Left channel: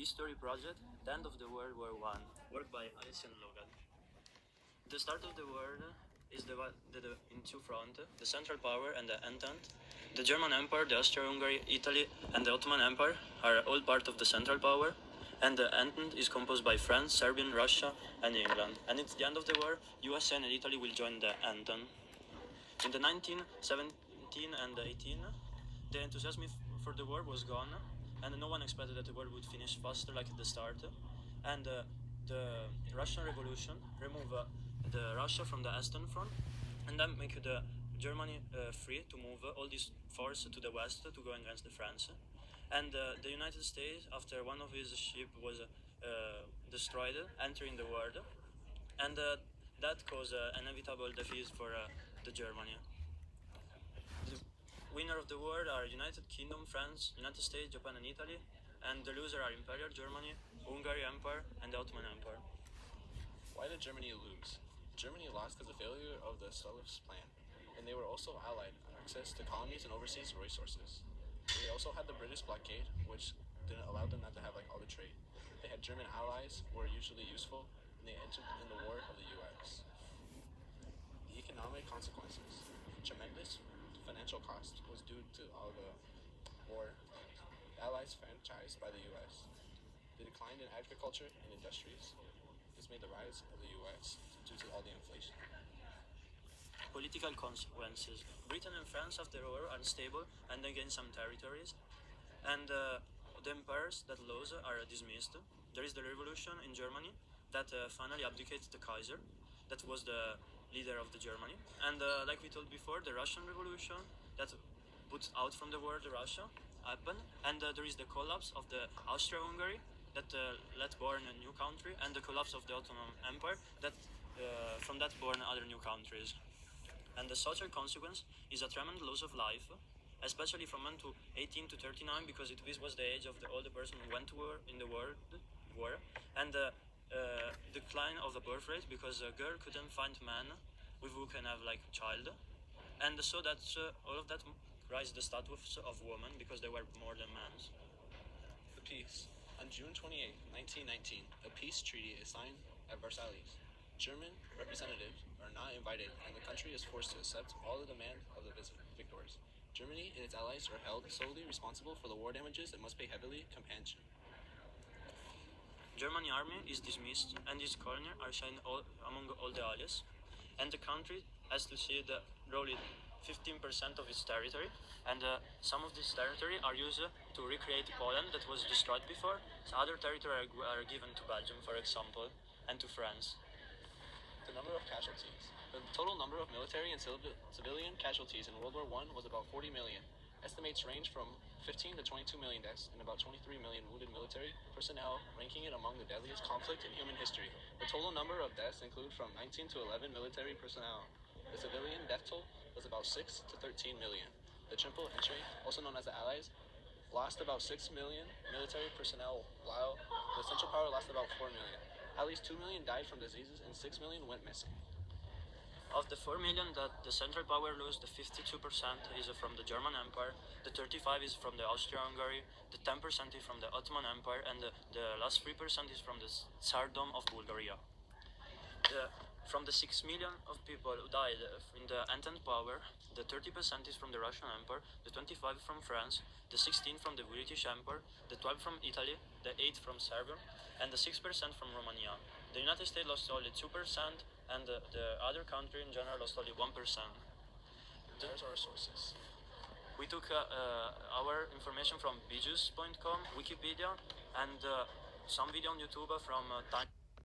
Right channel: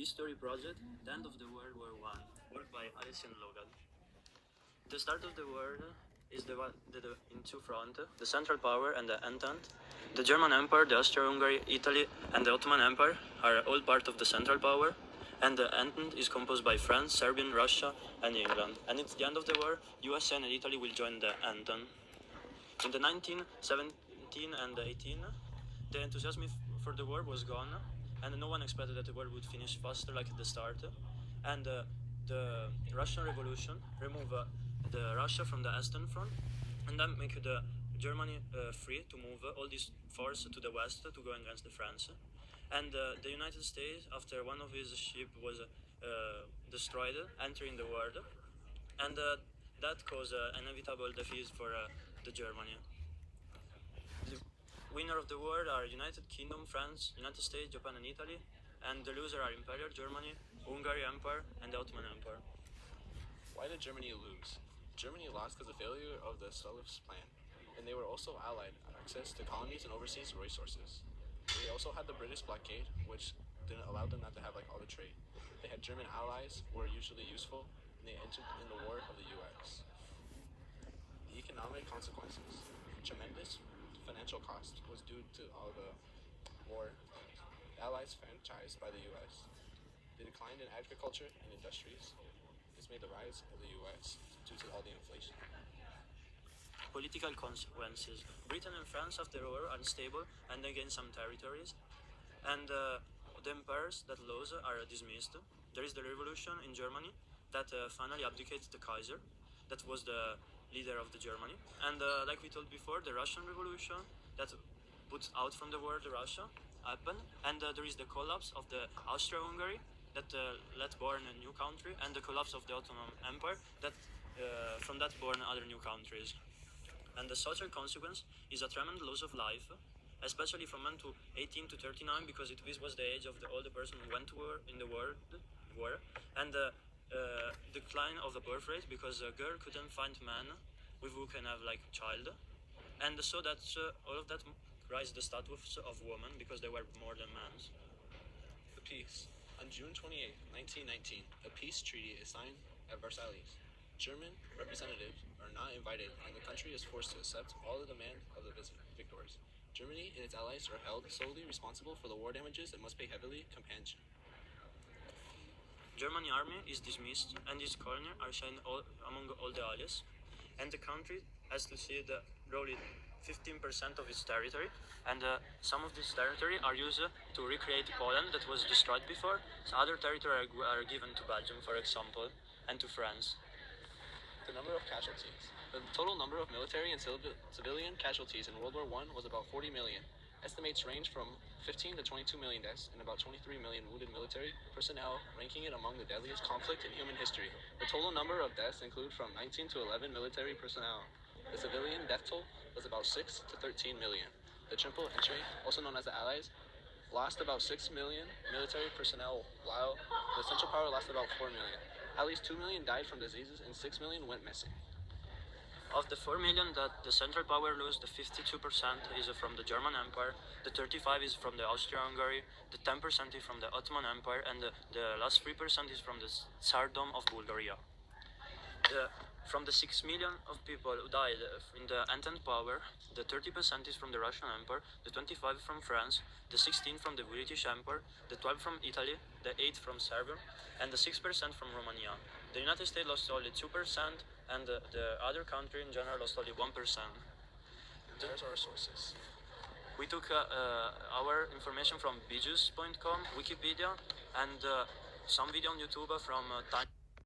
History project, The End of the World War I, worked by Alison Logan. The start of the war is in two fronts, the Central Power and the Entente. The German Empire, the Austria-Hungary, Italy, and the Ottoman Empire are all part of the Central Power, and the Entente is composed by France, Serbia, Russia, and England. And at the end of the war, USA and Italy will join the Entente. In the 1917 and 18, the enthusiasm for the war was gone, and no one expected that the war would finish faster like at the start. And the Russian Revolution removed the Russia from the Eastern Front, and then make the Germany free to move all this force to the west to go against the France. And the United States, after one of his ships was destroyed, entering the war, and that caused an inevitable defeat for the Germany. The winner of the war are United Kingdom, France, United States, Japan, and Italy, and the loser are Imperial Germany, Hungary Empire, and the Ottoman Empire. Why did Germany lose? Germany lost because of the failure of the Sullivan's plan, and they were also allied access to colonies and overseas resources. They also had the British blockade, which didn't allow them not to have all the trade. They had German allies who were usually useful, and they entered in the war of the U.S. The economic consequences. Tremendous financial cost was due to all the war. The Allies franchised by the U.S. They declined in agriculture and industries. This made the rise of the U.S. due to all the inflation. Political consequences. Britain and France after the war are unstable and they gain some territories, and the empires that lost are dismissed. There is the revolution in Germany that finally abdicates the Kaiser, that was the leader of the Germany, and like we told before, the Russian Revolution that puts out from the war the Russia happened, and there is the collapse of the Austria-Hungary that let born a new country, and the collapse of the Ottoman Empire that from that born other new countries. And the social consequence is a tremendous loss of life, especially from men to 18 to 39, because this was the age of all the person who went to war in the war, and decline of the birth rate because a girl couldn't find man with who can have like child, and so that all of that raised the status of women because they were more than men. The peace. On June 28, 1919, a peace treaty is signed at Versailles. German representatives are not invited, and the country is forced to accept all the demands of the victors. Germany and its allies are held solely responsible for the war damages and must pay heavily compensation. German army is dismissed, and its colonies are shared among all the allies, and the country has to see the roughly 15% of its territory, and some of this territory are used to recreate Poland that was destroyed before. So other territory are given to Belgium, for example, and to France. The number of casualties. The total number of military and civilian casualties in World War I was about 40 million. Estimates range from 15 to 22 million deaths and about 23 million wounded military personnel, ranking it among the deadliest conflict in human history. The total number of deaths include from 19 to 11 military personnel. The civilian death toll was about 6 to 13 million. The Triple Entry, also known as the Allies, lost about 6 million military personnel, while the Central Power lost about 4 million. At least 2 million died from diseases and 6 million went missing. Of the 4 million that the Central Power lost, the 52% is from the German Empire, the 35% is from the Austria-Hungary, the 10% is from the Ottoman Empire, and the last 3% is from the Tsardom of Bulgaria. From the 6 million of people who died in the Entente Power, the 30% is from the Russian Empire, the 25% from France, the 16% from the British Empire, the 12% from Italy, the 8% from Serbia, and the 6% from Romania. The United States lost only 2%, and the other country in general lost only 1%. There's our sources. We took our information from bijus.com, Wikipedia, and some video on YouTube from Time.